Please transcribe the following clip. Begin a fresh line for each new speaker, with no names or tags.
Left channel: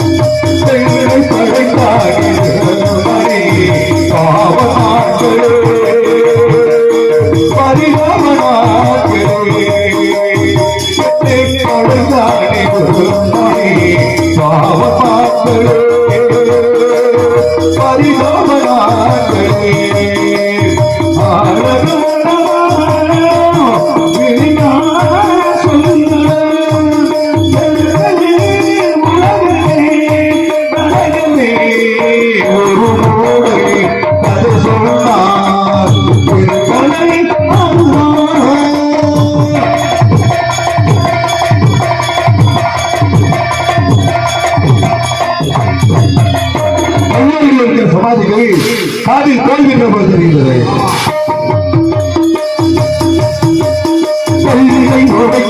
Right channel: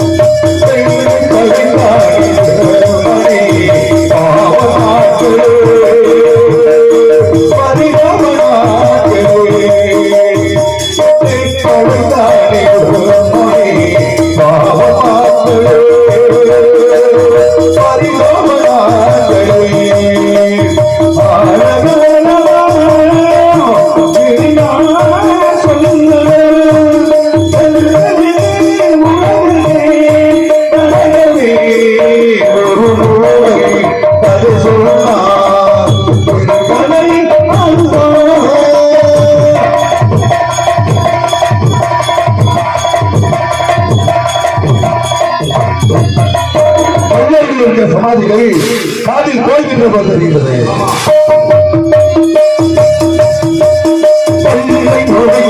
pen رو
समाद कोई बि